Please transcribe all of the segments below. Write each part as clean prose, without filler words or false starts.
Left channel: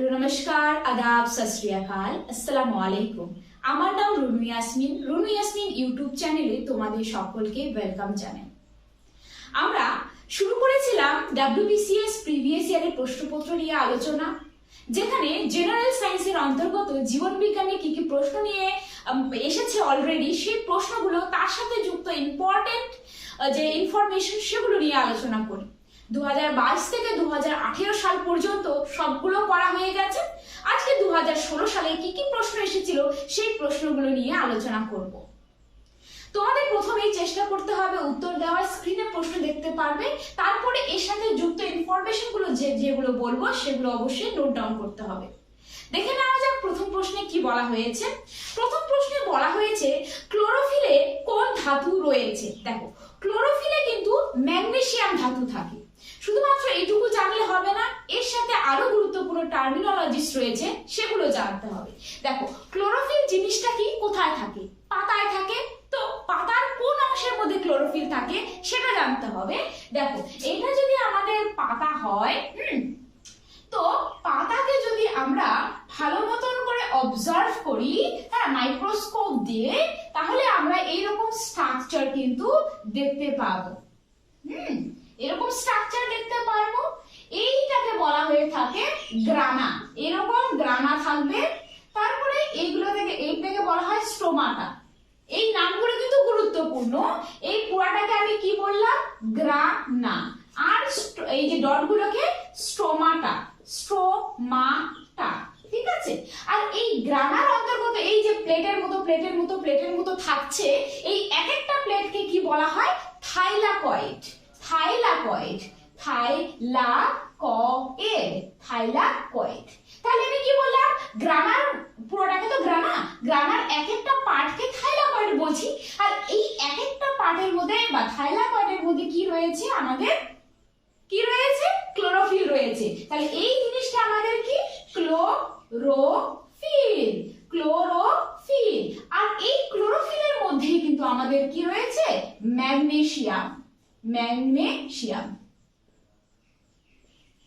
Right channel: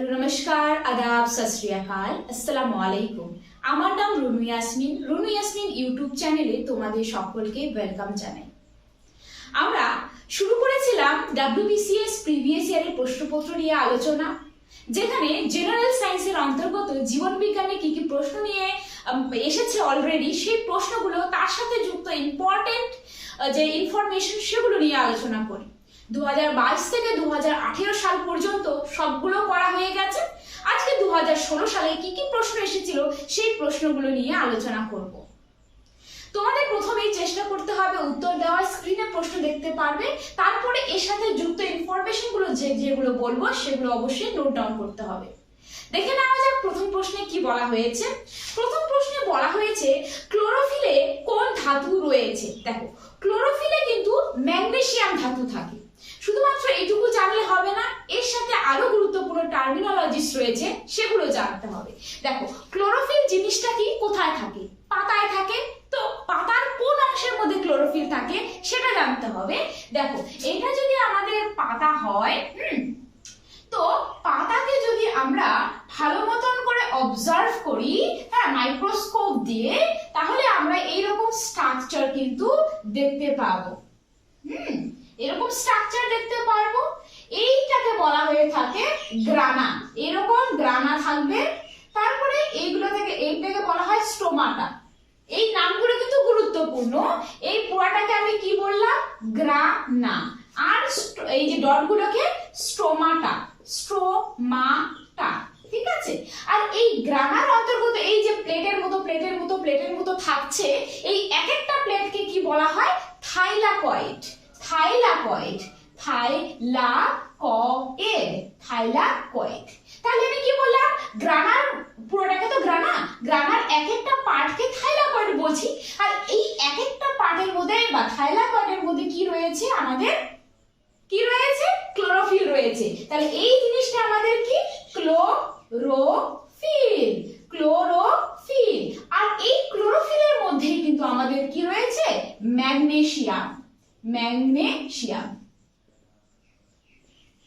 Hello, নমস্কার, আদাব, সত শ্রী আকাল, আসসালামু আলাইকুম। আমার নাম রুনু ইয়াসমিন। রুনু ইয়াসমিন ইউটিউব চ্যানেলে তোমাদের সকলকে ওয়েলকাম জানাই। আমরা শুরু করেছিলাম WBCS প্রিভিয়াস ইয়ারের প্রশ্নপত্র নিয়ে আলোচনা, যেখানে জেনারেল সায়েন্সের অন্তর্গত জীবন বিজ্ঞানে কি কি প্রশ্ন নিয়ে এসেছে অলরেডি, সেই প্রশ্নগুলো তার সাথে যুক্ত ইম্পর্টেন্ট যে ইনফরমেশন সেগুলো নিয়ে আলোচনা করি। 2022 থেকে 2018 সাল পর্যন্ত সবগুলো করা হয়ে গেছে। আজকে 2016 সালে কি কি প্রশ্ন এসেছিল সেই প্রশ্নগুলো নিয়ে আলোচনা করব। তোমাদের প্রথমেই চেষ্টা করতে হবে উত্তর দেওয়ার, স্ক্রিনে প্রশ্ন দেখতে পারবে, তারপরে এর সাথে যুক্ত ইনফরমেশন গুলো যেগুলো বলবো সেগুলো অবশ্যই নোট ডাউন করতে হবে। দেখে নেওয়া যাক প্রথম প্রশ্নে কি বলা হয়েছে। প্রথম প্রশ্নে বলা হয়েছে ক্লোরোফিলে কোন ধাতু রয়েছে। দেখো, ক্লোরোফিলে কিন্তু ম্যাগনেসিয়াম ধাতু থাকে। শুধুমাত্র এইটুকু জানলে হবে না, এর সাথে আরো গুরুত্বপূর্ণ টার্মিনোলজিস রয়েছে, সেগুলো জানতে হবে। দেখো, ক্লোরোফিল জিনিসটা কি, কোথায় থাকে? পাতায় থাকে। তো পাতার কোন অংশের মধ্যে ক্লোরোফিল থাকে সেটা জানতে হবে। দেখো, এটা যদি আমাদের পাতা হয়, তো পাতাকে যদি আমরা ভালো মতন করে অবজার্ভ করি, হ্যাঁ, মাইক্রোস্কোপ দিয়ে, তাহলে আমরা এইরকম স্ট্রাকচার কিন্তু দেখতে পাবো। এরকম স্ট্রাকচার দেখতে পারবো। এইটাকে বলা হয়ে থাকে গ্রানা। এরকম গ্রানা থাকবে। তারপরে এইগুলো থেকে এইটাকে বলা হয় স্টোমাটা। এই নামগুলো কিন্তু গুরুত্বপূর্ণ। এই পুরাটাকে আমি কি বললাম? গ্রানা। আর এই যে ডটগুলোকে স্টোমাটা, স্টোমাটা, ঠিক আছে। আর এই গ্রানার অন্তর্গত এই যে প্লেটের মতো থাকছে, এই এক একটা প্লেটকে কি বলা হয়? থাইলাকয়েড। Thylakoid, thylakoid. তাহলে আমি কি বললাম? গ্রানার পুরোটাকে তো গ্রানার এক একটা পার্টকে থাইলাকয়েড বলছি। আর এই এক একটা পার্টের মধ্যে বা থাইলাকয়েডের মধ্যে কি রয়েছে? আমাদের কি রয়েছে? ক্লোরোফিল রয়েছে। তাহলে এই জিনিসটা আমাদের কি? ক্লোরোফিল। ক্লোরোফিল। আর এই ক্লোরোফিলের মধ্যেই কিন্তু আমাদের কি রয়েছে? ম্যাগনেসিয়াম। ম্যাগনেসিয়াম।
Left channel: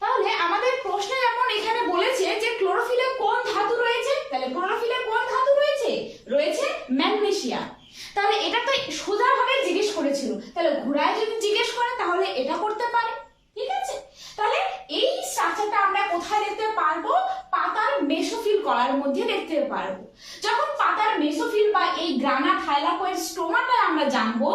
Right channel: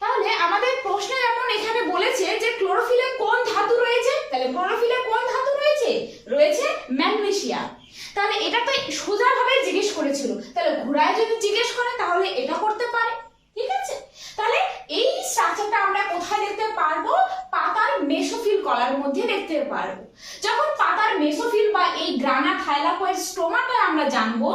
তাহলে আমাদের প্রশ্নে যেমন এখানে বলেছে যে ক্লোরোফিলে কোন ধাতু রয়েছে, তাহলে ক্লোরোফিলে কোন ধাতু রয়েছে? রয়েছে ম্যাগনেসিয়াম। তাহলে এটা তো সোজাভাবে জিজ্ঞেস করেছিল, তাহলে ঘোড়ায় যদি জিজ্ঞেস করে তাহলে এটা করতে পারে, ঠিক আছে। তাহলে এই স্ট্রাকচারটা আমরা কোথায় দেখতে পারবো? পাতার মেসোফিল কলার মধ্যে দেখতে পারবো। যখন পাতার মেসোফিল বা এই গ্রানা, থাইলাকয়েড, স্টোমাটা আমরা জানবো,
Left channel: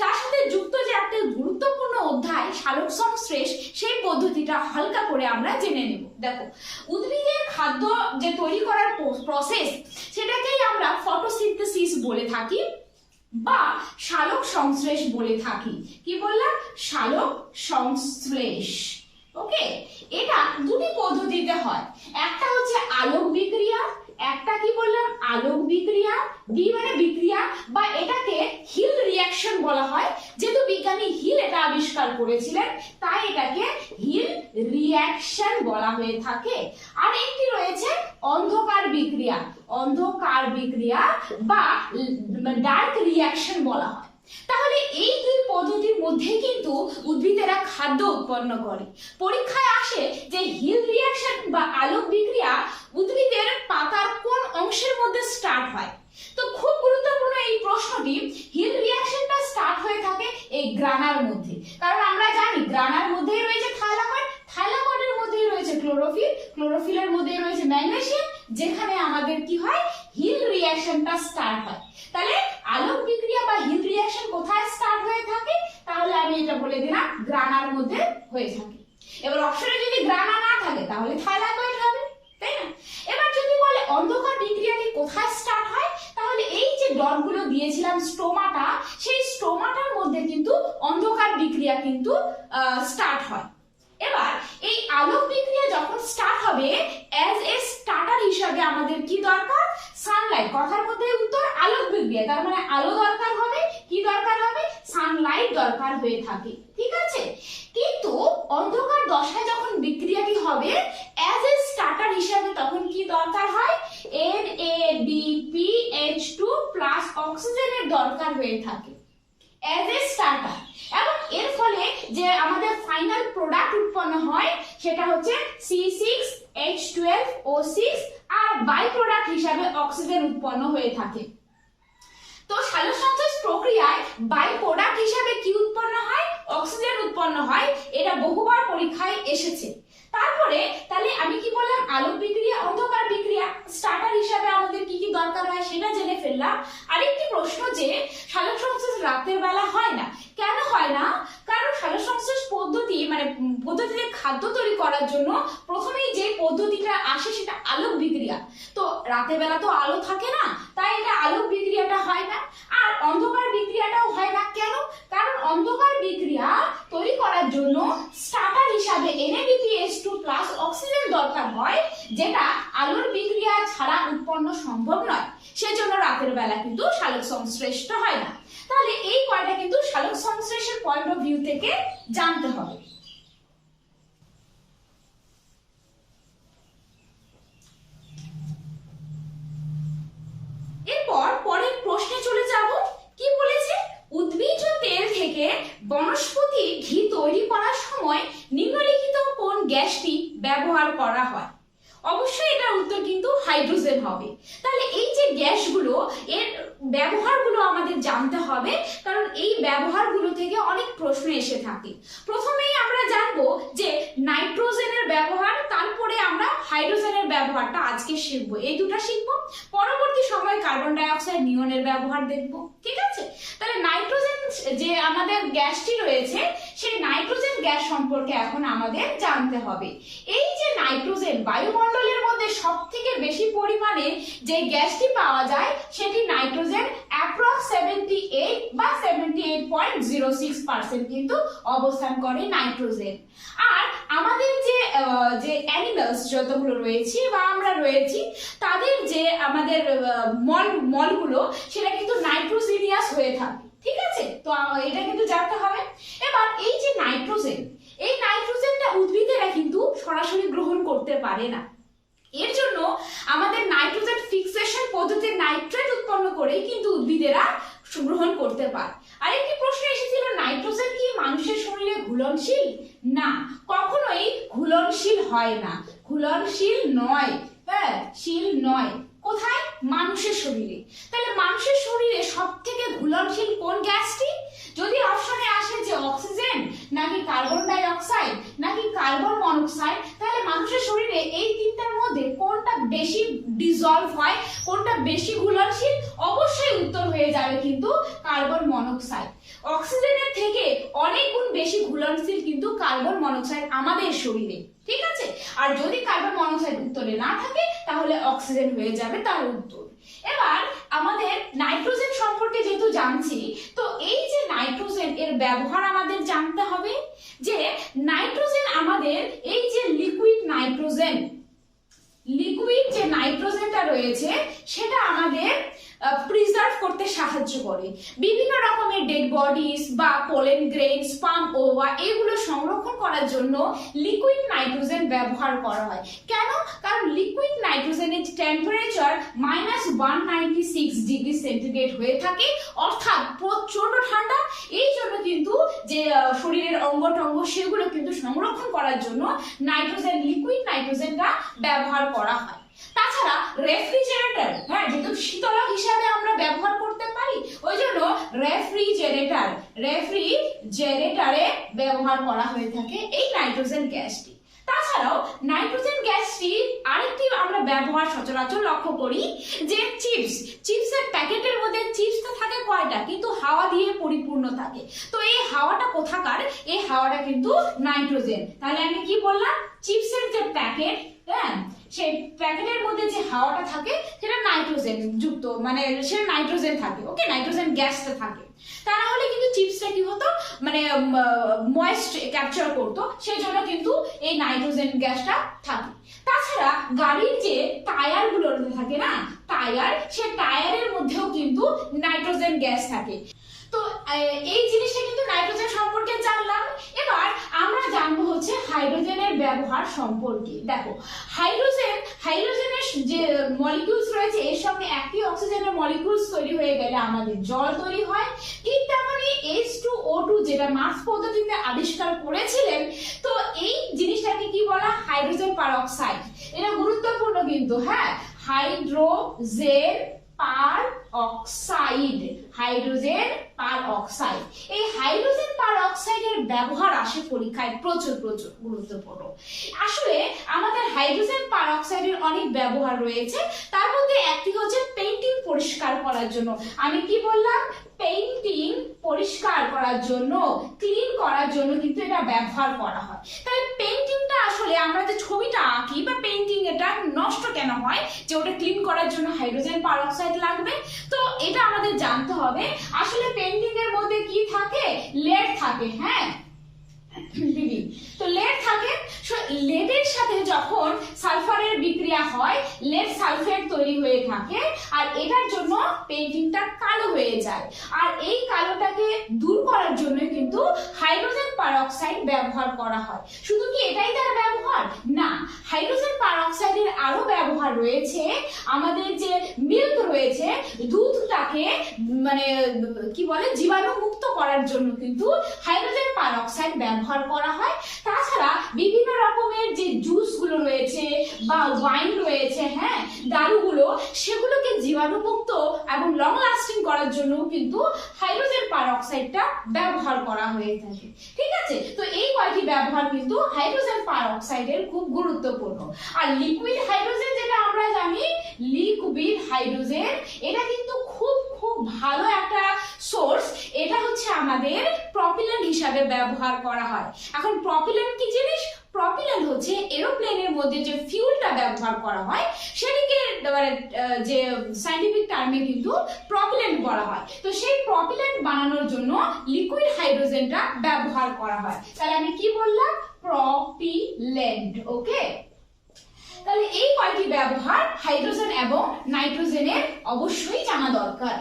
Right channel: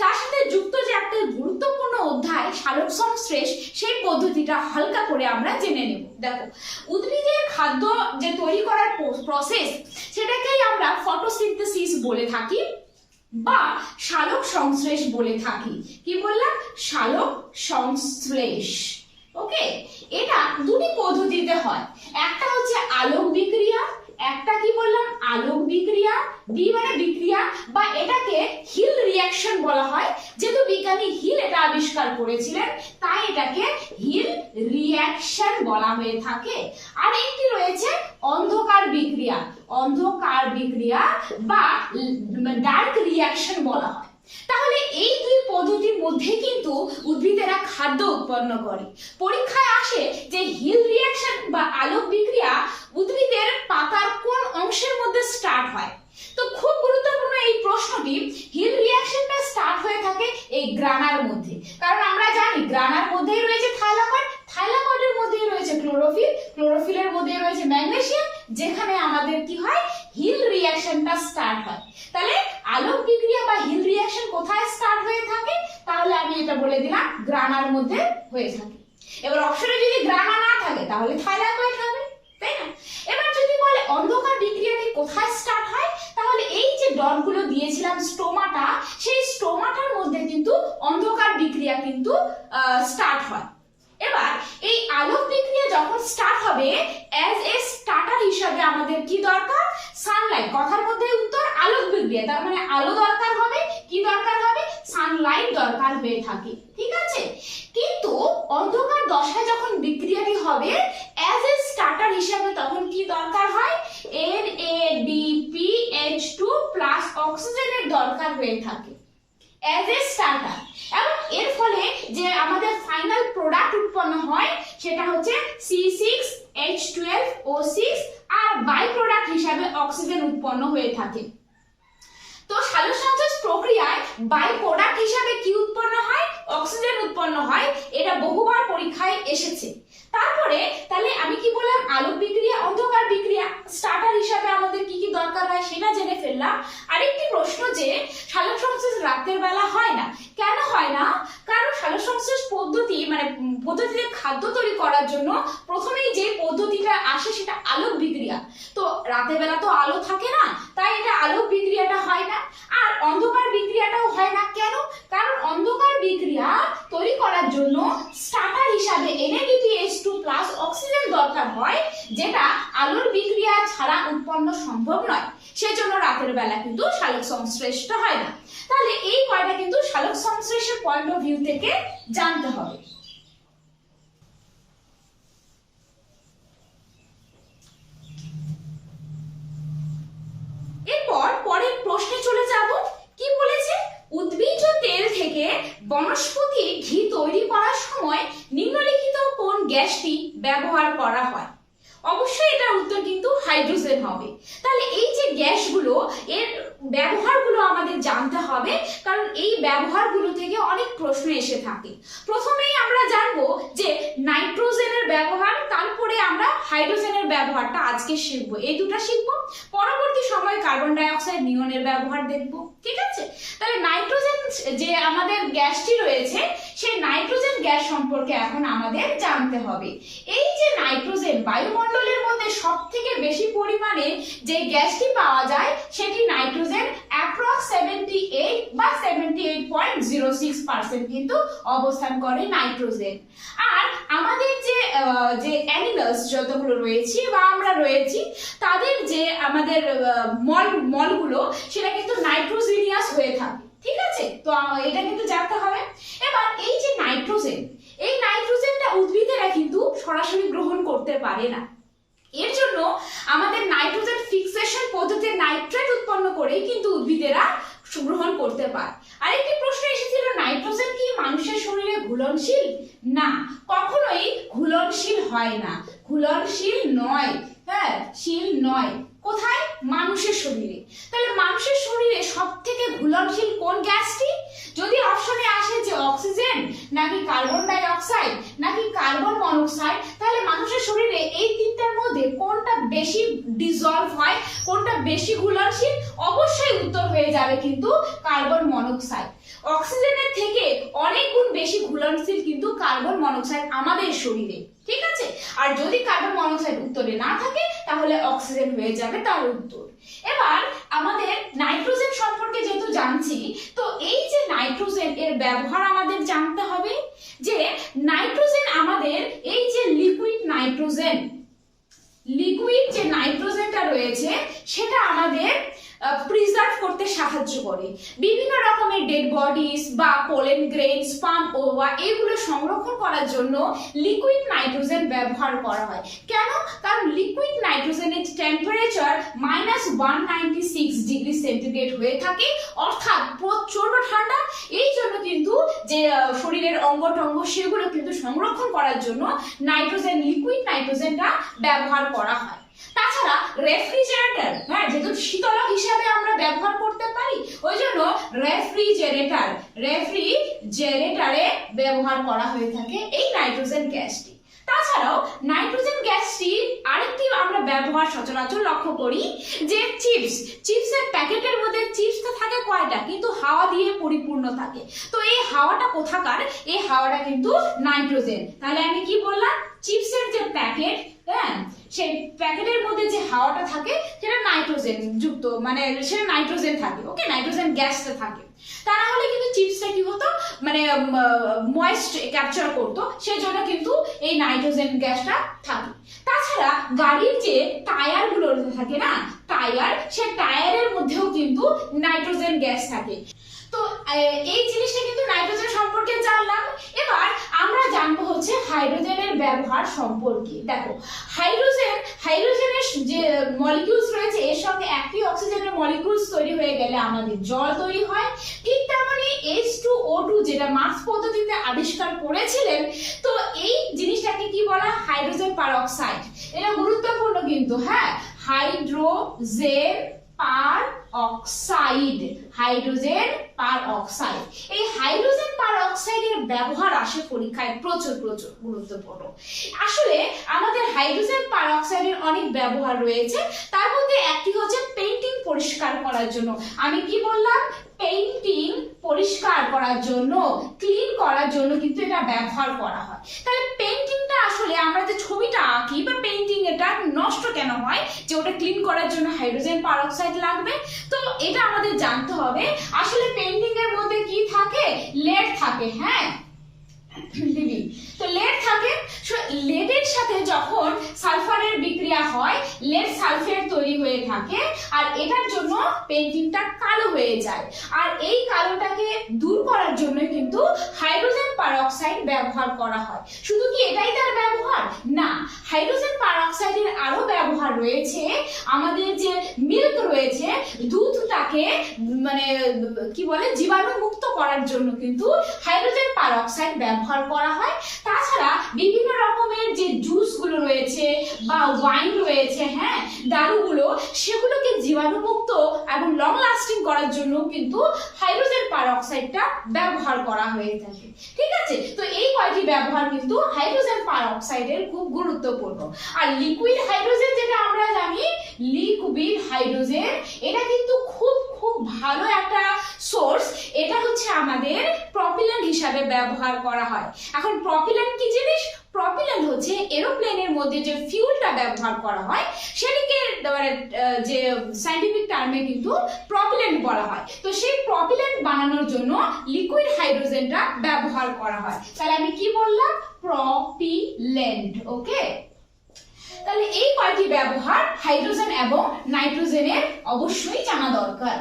তার সাথে যুক্ত যে একটা গুরুত্বপূর্ণ অধ্যায় সালোক সংশ্লেষ, সেই পদ্ধতিটা হালকা করে আমরা জেনে নেব। দেখো, উদ্ভিদের খাদ্য যে তৈরি করার প্রসেস, সেটাকেই আমরা ফটোসিনথেসিস বলে থাকি বা সালোক সংশ্লেষ বলে থাকি। কি বললাম? সালোক সংশ্লেষ। ওকে, এটা দুটি পদ্ধতিতে হয়। একটা হচ্ছে আলোক বিক্রিয়া, একটা কি বললাম? আলোক বিক্রিয়া। ডি মানে বিক্রিয়া, বা এটাকে হিল রিঅ্যাকশন বলা হয়। যেহেতু বিজ্ঞানী হিল এটা আবিষ্কার করেছিলেন, তাই এটাকে হিল রিঅ্যাকশন বলা হয়ে থাকে। আর একটি রয়েছে অন্ধকার বিক্রিয়া। অন্ধকার বিক্রিয়া বা ডার্ক রিঅ্যাকশন বলা হয়। তাহলে এই দুই পদ্ধতির মধ্যে কিন্তু উদ্ভিদেরা খাদ্য উৎপন্ন করে। পরীক্ষায় আসে যে হিল রিঅ্যাকশন বা আলোক বিক্রিয়া উদ্ভিদের পাতার কোন অংশের মধ্যে স্টার্ট হয়। তো খুব গুরুত্বপূর্ণ এই প্রশ্নটি। হিল রিঅ্যাকশনটা স্টার্ট হয়ে থাকে এই গ্রানার মধ্যে, কারণ আমরা জানি গ্রানার মধ্যেই রয়েছে থাইলাকয়েড, থাইলাকয়েডের মধ্যেই রয়েছে ক্লোরোফিল, ক্লোরোফিলের মধ্যেই রয়েছে ম্যাগনেসিয়াম, যেখানে আমাদের কি হয়? হিল রিঅ্যাকশনটা স্টার্ট হয়। তাহলে আলোক বিক্রিয়া বা হিল রিঅ্যাকশন কোথায় স্টার্ট হয়ে থাকে? তাহলে আমি এটা বলে দিলাম, গ্রানার মধ্যে হয়ে থাকে। এবার অপশনে যদি গ্রানা না থাকে তাহলে থাইলাকয়েড হবে, তাই না? এবার যদি বলে অন্ধকার বিক্রিয়াটি কোথায় স্টার্ট হয়, তাহলে এই যে ডটগুলো দিয়েছিলাম স্টোমাটা, সেই স্টোমাটার মধ্যে কিন্তু অন্ধকার বিক্রিয়া কিন্তু স্টার্ট হয়। এবার এই আলোক বিক্রিয়া যখন স্টার্ট হবে, অ্যাজ এ স্টার্টার হিসাবে আমাদের কি দরকার? সানলাইট। কথার মধ্যে উত্তর আলোক বিক্রিয়া, তার মানে আলো দরকার হবে। কি দরকার হবে? সানলাইট দরকার হয়ে থাকে, ঠিক আছে। কিন্তু অন্ধকার দশায় যখন বিক্রিয়াটি হবে অ্যাজ এ স্টার্টার হিসাবে, তখন কি দরকার হয়? NADPH2 প্লাস অক্সিজেনের দরকার হয়ে থাকে অ্যাজ এ স্টার্টার। এবং এর ফলে যে আমাদের ফাইনাল প্রোডাক্ট উৎপন্ন হয় সেটা হচ্ছে C6H12 O6 আর বাই প্রোডাক্ট হিসাবে অক্সিজেন উৎপন্ন হয়ে থাকে। তো সালোকসংশ্লেষ প্রক্রিয়ায় বাই প্রোডাক্ট হিসাবে কি উৎপন্ন হয়? অক্সিজেন উৎপন্ন হয়। এটা বহুবার পরীক্ষায় এসেছে। তারপরে তাহলে আমি কি বললাম, আলোক বিক্রিয়া, অন্ধকার বিক্রিয়া, স্টার্টার হিসাবে আমাদের কি কি দরকার হয় সেটা জেনে ফেললাম। আরেকটি প্রশ্ন যে সালোকসংশ্লেষ রাতের বেলা হয় না, কেন হয় না? কারণ সালোকসংশ্লেষ পদ্ধতি মানে পদ্ধতিতে খাদ্য তৈরি করার জন্য প্রথমেই যে পদ্ধতিটা আসে সেটা আলোক বিক্রিয়া। তো রাতের বেলা তো আলো থাকে না, তাই এটা আলোক বিক্রিয়াটা হয় না। আর অন্ধকার বিক্রিয়াটাও হয় না, কেন? কারণ অন্ধকার বিক্রিয়া তৈরি করার জন্য স্টার্টার হিসাবে NaDPH2+ অক্সিজেন দরকার হয়, যেটা আলোর বিক্রিয়া ছাড়া উৎপন্ন সম্ভব নয়। সেজন্য রাতের বেলা কিন্তু সালোক সংশ্লেষটা হয় না। তাহলে এই কয়টা কিন্তু সালোক সংশ্লেষের পয়েন্ট অফ ভিউ থেকে জানতে হবে। এরপর পরের প্রশ্নে চলে যাব। কি বলেছে? উদ্ভিজ্জ তেল থেকে বনস্পতি ঘি তৈরি করার সময় নিম্নলিখিত কোন গ্যাসটি ব্যবহার করা হয়? অবশ্যই এটার উত্তর কিন্তু হাইড্রোজেন হবে। তাহলে এই যে গ্যাসগুলো, এর ব্যবহারগুলো আমাদের জানতে হবে, কারণ এই ব্যবহারগুলো থেকে অনেক প্রশ্ন এসে থাকে। প্রথমেই আমরা জানবো যে নাইট্রোজেনের ব্যবহার, তারপরে আমরা হাইড্রোজেনের ব্যবহারটা আজকে শিখবো। এই দুটো শিখবো, পরবর্তী সময় কার্বন ডাই অক্সাইড, নিয়নের ব্যবহার দেখবো। ঠিক আছে? তাহলে নাইট্রোজেন যে আমাদের গ্যাসটি রয়েছে, সেই নাইট্রোজেন গ্যাস সম্পর্কে এখন আমাদের জানতে হবে। এই যে নাইট্রোজেন, বায়ুমণ্ডলের মধ্যে সবথেকে বেশি পরিমাণে যে গ্যাসটি পাওয়া যায় সেটি নাইট্রোজেন, অ্যাপ্রক্স 78 বা 78.06% কিন্তু অবস্থান করে নাইট্রোজেন। আর আমাদের যে অ্যানিমালস যতগুলো রয়েছে বা আমরা রয়েছি, তাদের যে আমাদের মলগুলো সেটা কিন্তু নাইট্রোজেনিয়াস হয়ে থাকে। ঠিক আছে? তো এটা কিন্তু জানতে হবে। এবার এই যে নাইট্রোজেন, এই নাইট্রোজেনটা উদ্ভিদেরা কিন্তু সরাসরি গ্রহণ করতে পারে না। এর জন্য আমাদের নাইট্রোজেন ফিক্সেশন পদ্ধতিতে নাইট্রেট উৎপন্ন করে কিন্তু উদ্ভিদেরা গ্রহণ করতে পারে। আরেকটি প্রশ্ন এসেছিল, নাইট্রোজেন কি মানুষের শরীরে ঘুলনশীল? না, কখনোই ঘুলনশীল হয় না, ঘুলনশীল নয়। হ্যাঁ, শীল নয়। কোথায়? মানুষের শরীরে। তাহলে মানুষের শরীরে সব থেকে ঘুলনশীল কোন গ্যাসটি? যদি অপশনে আসে যে অক্সিজেন, নাকি কার্বন ডাই অক্সাইড, নাকি কার্বন মনোক্সাইড, তাহলে মানুষের শরীরে এই তিনটার মধ্যে কোনটা বেশি ডিজলভ হয়, কোনটা বেশি ঘুলনশীল? অবশ্যই উত্তর হয়ে যাবে কিন্তু কার্বন মনোক্সাইড। অক্সিজেনের থেকে অনেক গুণ বেশি ঘুলনশীল কিন্তু কার্বন মনোক্সাইড আমাদের শরীরে। ঠিক আছে? আর যদি কার্বন মনোক্সাইড উত্তরে না থাকে তাহলে অক্সিজেন হয়ে যাবে তার উত্তর। এবার আমাদের নাইট্রোজেন সম্পর্কে যেহেতু জানছি, তো এই যে নাইট্রোজেন, এর ব্যবহার আমাদের জানতে হবে। যে নাইট্রোজেন আমাদের এই যে লিকুইড যে নাইট্রোজেনটা রয়েছে সেটা আমাদের প্রিজার্ভ করতে সাহায্য করে। বিভিন্ন রকমের ডেড বডিজ বা পোলেন গ্রেন, স্পাম ওভা, এগুলো সংরক্ষণ করার জন্য লিকুইড নাইট্রোজেন ব্যবহার করা হয়। কেন? কারণ লিকুইড নাইট্রোজেনের টেম্পারেচার -196°C হয়ে থাকে, অর্থাৎ প্রচন্ড ঠান্ডা। এই জন্য কিন্তু যে শরীরের অঙ্গটঙ্গ সেগুলো কিন্তু সংরক্ষণ করার জন্য নাইট্রোজেন, লিকুইড নাইট্রোজেনটা ব্যবহার করা হয়। তাছাড়া রেফ্রিজারেটর, হ্যাঁ, যেহেতু শীতলক হিসাবে আমরা ব্যবহার করতে পারি, ওই জন্য রেফ্রিজারেটরে ব্যবহার করা হয়ে থাকে এই নাইট্রোজেন গ্যাসটি। তাছাড়াও নাইট্রোজেন গ্যাসটি আরেকটি আমরা ব্যবহার সচরাচর লক্ষ্য করি যে চিপসের প্যাকেটের মধ্যে চিপস থাকে কয়টা, কিন্তু হাওয়া দিয়ে পরিপূর্ণ থাকে। তো এই হাওয়াটা কোথাকার? এই হাওয়াটা কিন্তু নাইট্রোজেন। তাহলে আমি কি বললাম? চিপসের যে প্যাকেট, হ্যাঁ, সেই প্যাকেটের মধ্যে যে হাওয়াটা থাকে সেটা নাইট্রোজেন যুক্ত, মানে সেটা নাইট্রোজেন থাকে। ওকে, নাইট্রোজেন গ্যাসটা থাকে। তা না হলে কিন্তু চিপসটা কি হতো, মানে ময়েস্ট ক্যাপচার করতো, সেই জন্য কিন্তু এই নাইট্রোজেন গ্যাসটা থাকে। তাছাড়া গাড়ির যে টায়ার গুলো থাকে না, সেই টায়ারের মধ্যেও কিন্তু নাইট্রোজেন গ্যাস থাকে। তো এই জিনিসটা কিন্তু নাইট্রোজেন সম্পর্কে জানলাম। এবার আমরা জানবো হচ্ছে হাইড্রোজেনের ব্যবহার সম্পর্কে। দেখো, হাইড্রোজেনের যে মলিকিউলস রয়েছে, এর সঙ্গে একটি অক্সিজেনের মলিকিউলস তৈরি হয়ে গেলে আমাদের জল তৈরি হয়। ঠিক তেমনি H2O2 যেটা মার্কস পদ্ধতিতে আবিষ্কার করেছিলেন, তো এই জিনিসটাকে কি বলা? Hydrogen peroxide. এটা গুরুত্বপূর্ণ কিন্তু, হ্যাঁ, হাইড্রোজেন পার অক্সাইড, হাইড্রোজেন পার অক্সাইড। এই হাইড্রোজেন পার অক্সাইডের ব্যবহার আসে পরীক্ষায় প্রচুর প্রচুর গুরুত্বপূর্ণ। আসলে আমাদের হাইড্রোজেন পার অক্সাইডের অনেক ব্যবহার রয়েছে, তার মধ্যে একটি হচ্ছে পেইন্টিং পরিষ্কার করার জন্য। আমি কি বললাম? পেইন্টিং পরিষ্কার করার জন্য, ক্লিন করার জন্য কিন্তু এটা ব্যবহার করা হয়। তাহলে পেইন্টিংটা আসলে আমরা যে ছবিটা আঁকি বা পেইন্টিং এটা নষ্ট কেন হয়, যে ওটা ক্লিন করার জন্য হাইড্রোজেন পার অক্সাইড লাগবে। তো এটা আমাদের জানতে হবে। আসলে পেইন্টিং এর মধ্যে কি থাকে? লেড থাকে, হ্যাঁ, তো লেড থাকে। লেডের সাথে যখন সালফারের বিক্রিয়া হয়, লেড সালফেট তৈরি হয়ে থাকে, আর এটার জন্য পেইন্টিংটা কালো হয়ে যায়। আর এই কালোটাকে দূর করার জন্য কিন্তু হাইড্রোজেন পার অক্সাইড ব্যবহার করা হয়। শুধু কি এটাই তার ব্যবহার? না, হাইড্রোজেন পার অক্সাইডের আরো ব্যবহার রয়েছে। আমাদের যে মিল্ক রয়েছে, দুধটাকে মানে কি বলে, জীবাণুমুক্ত করার জন্য কিন্তু হাইড্রোজেন পার অক্সাইড ব্যবহার করা হয়। তাছাড়া বিভিন্ন রকমের যে জুসগুলো রয়েছে বা ওয়াইন রয়েছে, হ্যাঁ, দারুগুলো, সেগুলোকে জীবাণুমুক্ত এবং লং লাস্টিং করার জন্য কিন্তু হাইড্রোজেন পার অক্সাইডটা ব্যবহার করা হয়ে থাকে। ঠিক আছে, তো এই কয়টি ব্যবহার কিন্তু হাইড্রোজেন পার অক্সাইডের খুব গুরুত্বপূর্ণ। আর লিকুইড হাইড্রোজেন, যেটা আমরা জানি, লিকুইড হাইড্রোজেন, এটা কিন্তু খুব খুব ভালো একটা সোর্স। এটা হচ্ছে আমাদের প্রপিলেন্ট হিসাবে ব্যবহার করা হয়। এখন প্রপিলেন্ট কি জিনিস? প্রপিলেন্ট হচ্ছে এরোপ্লেনের মধ্যে যে ফিউলটা ব্যবহার করা হয়, সেটাকে মানে যে সায়েন্টিফিক টার্মে কিন্তু প্রপিলেন্ট বলা হয়। তো সেই প্রপিলেন্ট বানানোর জন্য লিকুইড হাইড্রোজেনটা ব্যবহার করা হয়। তাহলে আমি কি বললাম? প্রপিলেন্ট। ওকে, তাহলে এই কয়টি ব্যবহার হাইড্রোজেন এবং নাইট্রোজেনের অবশ্যই জানা দরকার।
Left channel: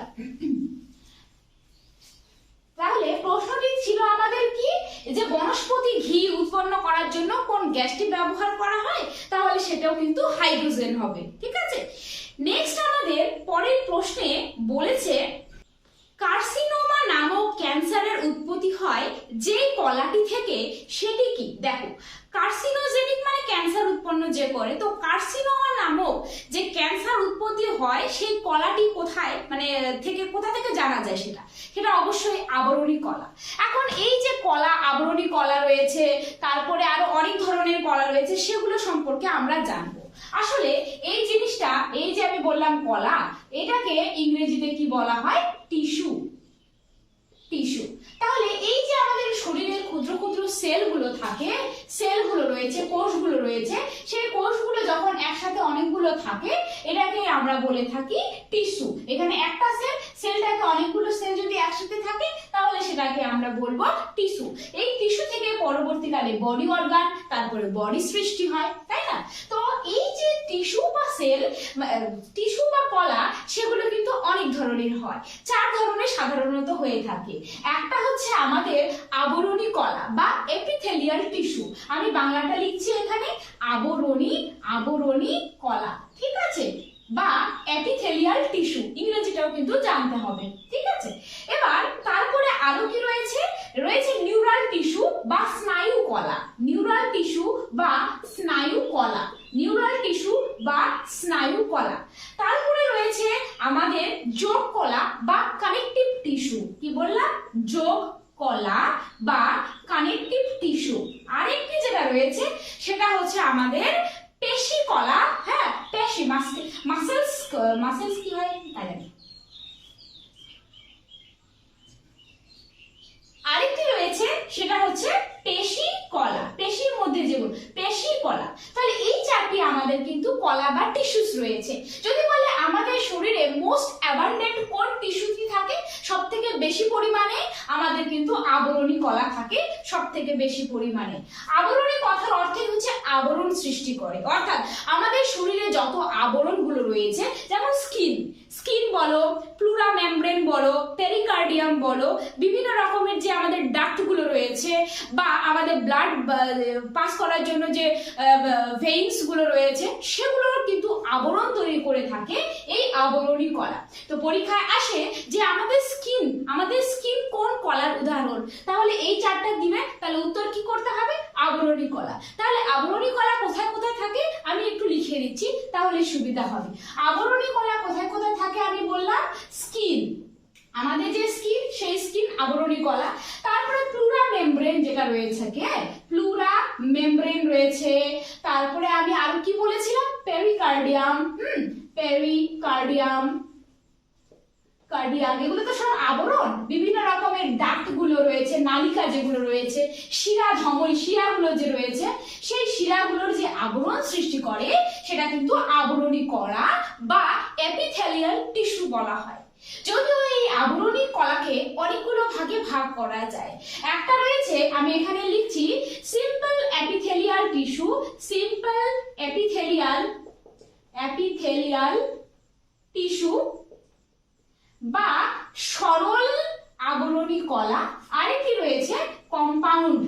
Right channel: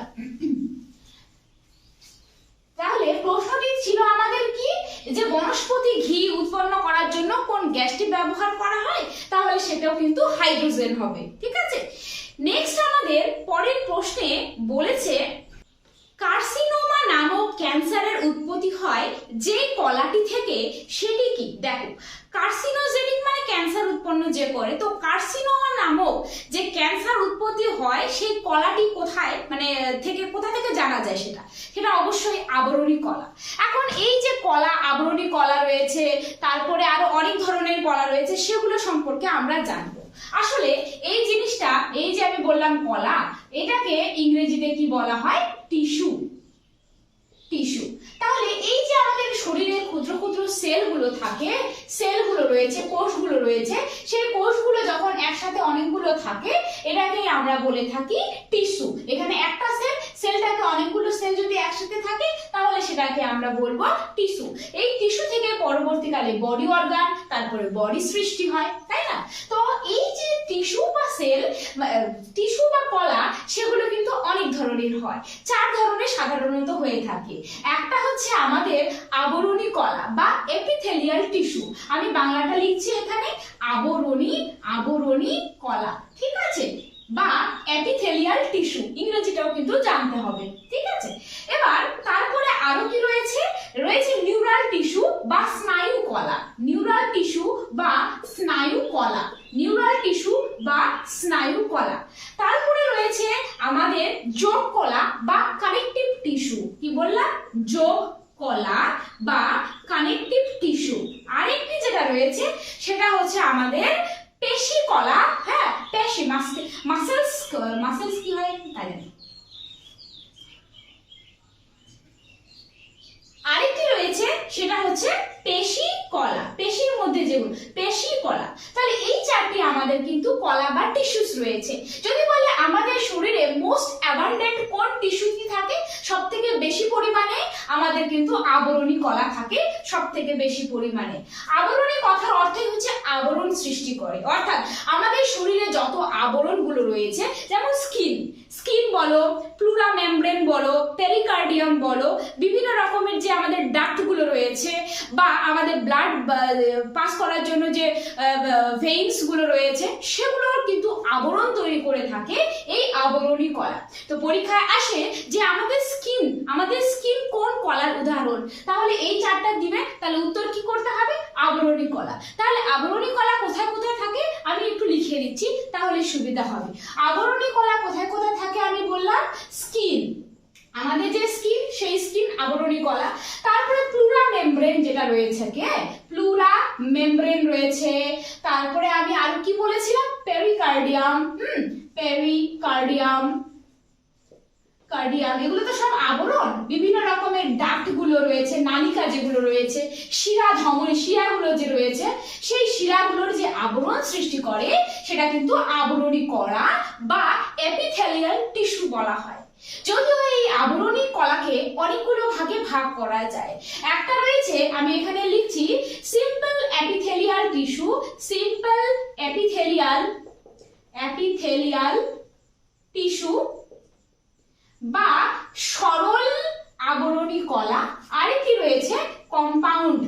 তাহলে প্রশ্নটি ছিল আমাদের কি, যে বনস্পতি ঘি উৎপন্ন করার জন্য কোন গ্যাসটি ব্যবহার করা হয়? তাহলে সেটাও কিন্তু হাইড্রোজেন হবে। ঠিক আছে, নেক্সট আমাদের পরের প্রশ্নে বলেছে, কার্সিনোমা নামক ক্যান্সারের উৎপত্তি হয় যে কলাটি থেকে, সেটি কি? দেখো, কার্সিনোজেনিক মানে ক্যান্সার উৎপন্ন যে করে, তো কার্সিনোমা নামক যে ক্যান্সার উৎপত্তি হয় সেই কলাটি কোথায়, মানে থেকে, কোথা থেকে জানা যায়? সেটা অবশ্যই আবরণী কলা। এখন এই যে কলা, আবরণী কলা রয়েছে, তারপরে আরো অনেক ধরনের কলা রয়েছে, সেগুলো সম্পর্কে আমরা জানবো। আসলে এই জিনিসটা, এই যে আমি বললাম কলা, এটাকে ইংরেজিতে কি বলা হয়? টিস্যু। টিস্যু। তাহলে এই যে আমাদের শরীরের ক্ষুদ্র ক্ষুদ্র সেলগুলো থাকে, সেলগুলো রয়েছে, কোষগুলো রয়েছে, সেই কোষগুলো যখন একসাথে অনেকগুলো থাকে, এটাকেই আমরা বলে থাকি টিস্যু। এখানে একটা সেল, সেলটাকে অনেকগুলো সেল যদি একসাথে থাকে, তাহলে সেটাকে আমরা বলবো টিস্যু। এই টিস্যু থেকে পরবর্তীকালে বডি অর্গান, তারপরে বডি সৃষ্টি হয়, তাই না? তো এই যে টিস্যু বা সেল, টিস্যু বা কলা, সেগুলো কিন্তু অনেক ধরনের হয়। 4 ধরনের সাধারণত হয়ে থাকে। একটা হচ্ছে আমাদের আবরণী কলা বা এপিথেলিয়াল টিস্যু। আমি বাংলাটা লিখছি এখানে, আবরণী কলা। ঠিক আছে, বা এপিথেলিয়াল টিস্যু, ইংরেজিটাও কিন্তু জানতে হবে। ঠিক আছে, এবার তারপরে আরো কি রয়েছে? রয়েছে নিউরাল টিস্যু বা স্নায়ু কলা। নিউরাল টিস্যু বা স্নায়ু কলা, নিউরাল টিস্যু বা স্নায়ু কলা। তারপরে রয়েছে আমাদের যোগ কলা বা কানেকটিভ টিস্যু। কি বললাম? যোগ কলা বা কানেকটিভ টিস্যু। আরেকটি যেটা রয়েছে সেটা হচ্ছে আমাদের পেশি কলা। হ্যাঁ, পেশি, মাসেলস কি হয় তাই জানি। আরেকটি রয়েছে সেটা হচ্ছে পেশি কলা, পেশির মধ্যে যেগুলো, পেশি কলা। তাহলে এই 4টি আমাদের কিন্তু কলা বা টিস্যুস রয়েছে। যদি বলে আমাদের শরীরে মোস্ট অ্যাবান্ডেন্ট কোন টিস্যুটি থাকে সবথেকে বেশি পরিমাণে, আমাদের কিন্তু আবরণী কলা থাকে সবথেকে বেশি পরিমাণে। আবরণী কথার অর্থই হচ্ছে আবরণ সৃষ্টি করে, অর্থাৎ আমাদের শরীরে যত আবরণগুলো রয়েছে, যেমন স্কিন বলো, প্লুরা মেমব্রেন বলো, পেরিকার্ডিয়াম বলো, বিভিন্ন রকমের যে আমাদের ডাক্টগুলো রয়েছে, বা আমাদের ব্লাড পাস করার জন্য যে ভেইনস গুলো রয়েছে, সেগুলোর কিন্তু আবরণ তৈরি করে থাকে এই আবরণী কলা। তো পরীক্ষায় আসে যে আমাদের স্কিন কোন কলার উদাহরণ, তাহলে এই চারটা দিবে, তাহলে উত্তর কি করতে হবে? আবরণী কলা। তাহলে আবরণী কলা কোথায় কোথায় থাকে আমি একটু লিখে দিচ্ছি, তাহলে সুবিধা হবে। আবরণী কলা কোথায় কোথায় থাকে আমি বললাম, স্কিন, আমাদের যে স্কিন সেই স্কিন আবরণী কলা। তারপরে প্লুরা মেমব্রেন যেটা রয়েছে, প্লুরা মেমব্রেন রয়েছে। তারপরে আমি আর কি বলেছিলাম, পেরিকার্ডিয়াম, পেরিকার্ডিয়াম, কার্ডিয়াম, এগুলো তো সব আবরণ। বিভিন্ন রকমের ডাক্ট গুলো রয়েছে, নালিকা যেগুলো রয়েছে, শিরা, ধমনী শিরাগুলো যে রয়েছে, সেই শিরাগুলোর যে আবরণ সৃষ্টি করে সেটা কিন্তু আবরণী কলা বা এপিথেলিয়াল টিস্যু বলা হয়। যদিও এই আবরণী কলাকে অনেকগুলো ভাগে ভাগ করা যায়। একটা রয়েছে, আমি এখানে লিখছি simple epithelial tissue, simple epithelial tissue বা সরল আবরণী কলা। আরেকটি রয়েছে কম্পাউন্ড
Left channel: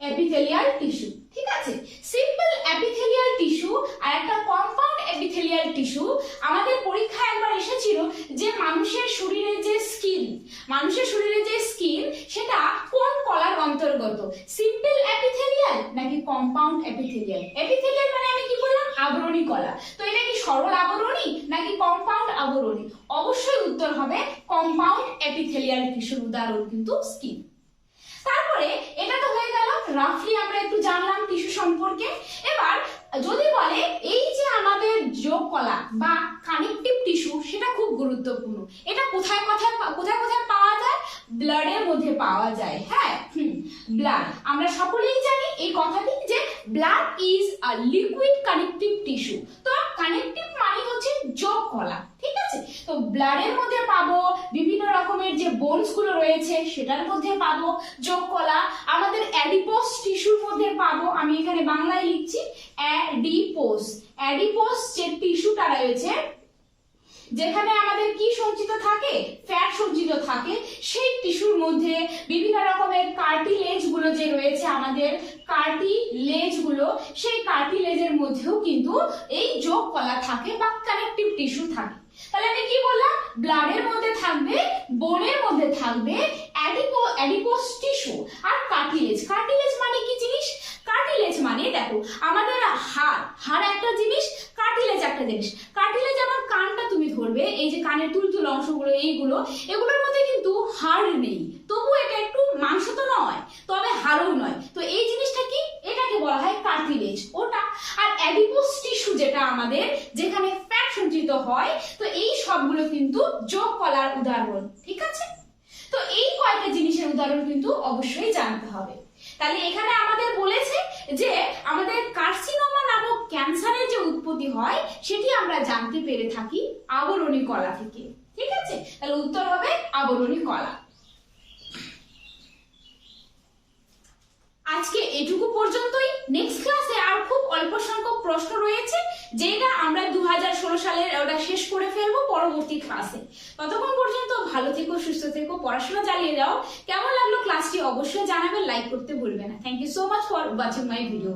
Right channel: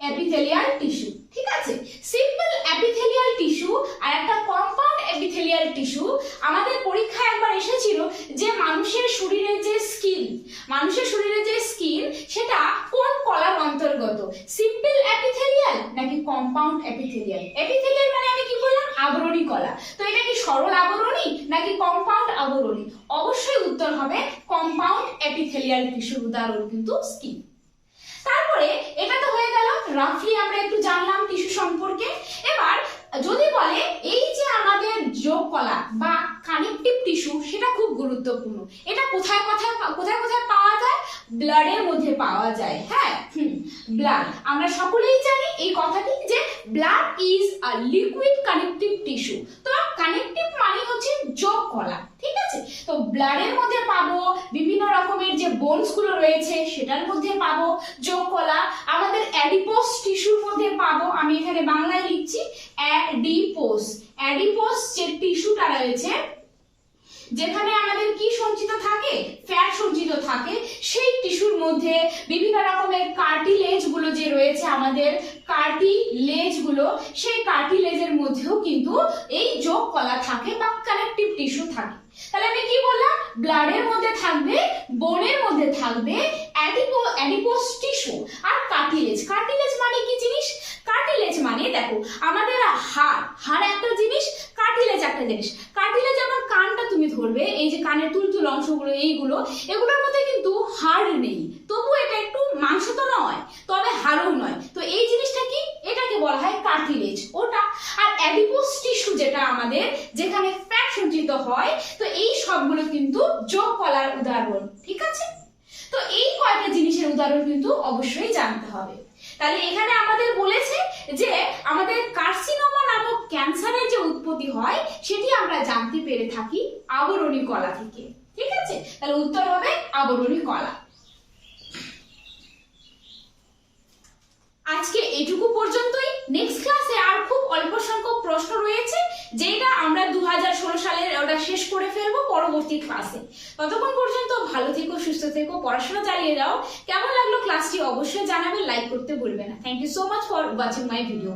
এপিথেলিয়াল টিস্যু। ঠিক আছে, সিম্পল এপিথেলিয়াল টিস্যু আর একটা কম্পাউন্ড এপিথেলিয়াল টিস্যু। আমাদের পরীক্ষায় একবার এসেছিল যে মানুষের শরীরে যে স্কিন সেটা কোন কলার অন্তর্গত, সিম্পল এপিথেলিয়াল নাকি কম্পাউন্ড এপিথেলিয়াল। এপিথেলিয়াল মানে আমি কি বললাম, আবরণী কলা। তো এটা কি সরল আবরণী নাকি কম্পাউন্ড আবরণী? অবশ্যই উত্তর হবে কম্পাউন্ড এপিথেলিয়াল টিস্যুর উদাহরণ কিন্তু স্কিন। তারপরে এটা তো হয়ে গেল, রাফলি আমরা একটু জানলাম টিস্যু সম্পর্কে। এবার যদি বলে এই যে আমাদের যোগ কলা বা কানেকটিভ টিস্যু, সেটা খুব গুরুত্বপূর্ণ। এটা কোথায় কোথায় পাওয়া যায়? ব্লাডের মধ্যে পাওয়া যায়। হ্যাঁ, ব্লাড, আমরা সকলেই জানি এই কথাটি যে blood is a liquid connective tissue. তো কানেকটিভ মানে হচ্ছে যোগ কলা। ঠিক আছে, তো ব্লাডের মধ্যে পাবো, বিভিন্ন রকমের যে বোনস গুলো রয়েছে সেটার মধ্যে পাবো যোগ কলা। আমাদের অ্যাডিপোস টিস্যুর মধ্যে পাবো, আমি এখানে বাংলায় লিখছি অ্যাডিপোস যে টিস্যুটা রয়েছে, যেখানে আমাদের কি সঞ্চিত থাকে, ফ্যাট সঞ্চিত থাকে, সেই টিস্যুর মধ্যে বিভিন্ন রকমের কার্টিলেজ গুলো যে রয়েছে, আমাদের কার্টিলেজ গুলো, সেই কার্টিলেজের মধ্যেও কিন্তু এই যোগ কলা থাকে বা কানেকটিভ টিস্যু থাকে। তাহলে আমি কি বললাম, ব্লাডের মধ্যে থাকবে, বোনের মধ্যে থাকবে অ্যাডিপোস টিস্যু আর কার্টিলেজ। কার্টিলেজ মানে কি জিনিস? কার্টিলেজ মানে দেখো আমাদের হাড় একটা জিনিস, কার্টিলেজ একটা জিনিস। কার্টিলেজ যেমন কানটা তুমি ধরবে, এই যে কানের তুলতুল অংশগুলো, এগুলোর মধ্যে কিন্তু হাড় নেই, তবু এটা একটু মাংস তো নয়, তবে হাড়ও নয়। তো এই জিনিসটা কি, এটাকে বলা হয় কার্টিলেজ, ওটা। আর অ্যাডিপোস টিস্যু যেটা আমাদের, যেখানে ফ্যাট সঞ্চিত হয়, তো এই সবগুলো কিন্তু যোগ কলার উদাহরণ। ঠিক আছে, তো এই কয়েকটা জিনিসের উদাহরণ কিন্তু অবশ্যই জানতে হবে। তাহলে এখানে আমাদের বলেছে যে আমাদের কার্সিনোমা নামক ক্যান্সারের যে উৎপত্তি হয় সেটি আমরা জানতে পেরে থাকি আবরণী কলা থেকে। ঠিক আছে, তাহলে উত্তর হবে আবরণী কলা। আজকে এটুকু পর্যন্তই। নেক্সট ক্লাসে আর খুব অল্প সংখ্যক প্রশ্ন রয়েছে, যেটা আমরা 2016 সালের ওটা শেষ করে ফেলবো পরবর্তী ক্লাসে। ততক্ষণ পর্যন্ত ভালো থেকো, সুস্থ থেকো, পড়াশোনা চালিয়ে যাও। কেমন লাগলো ক্লাসটি অবশ্যই জানাবে, লাইক করতে ভুলবে না। Thank you so much for watching my video.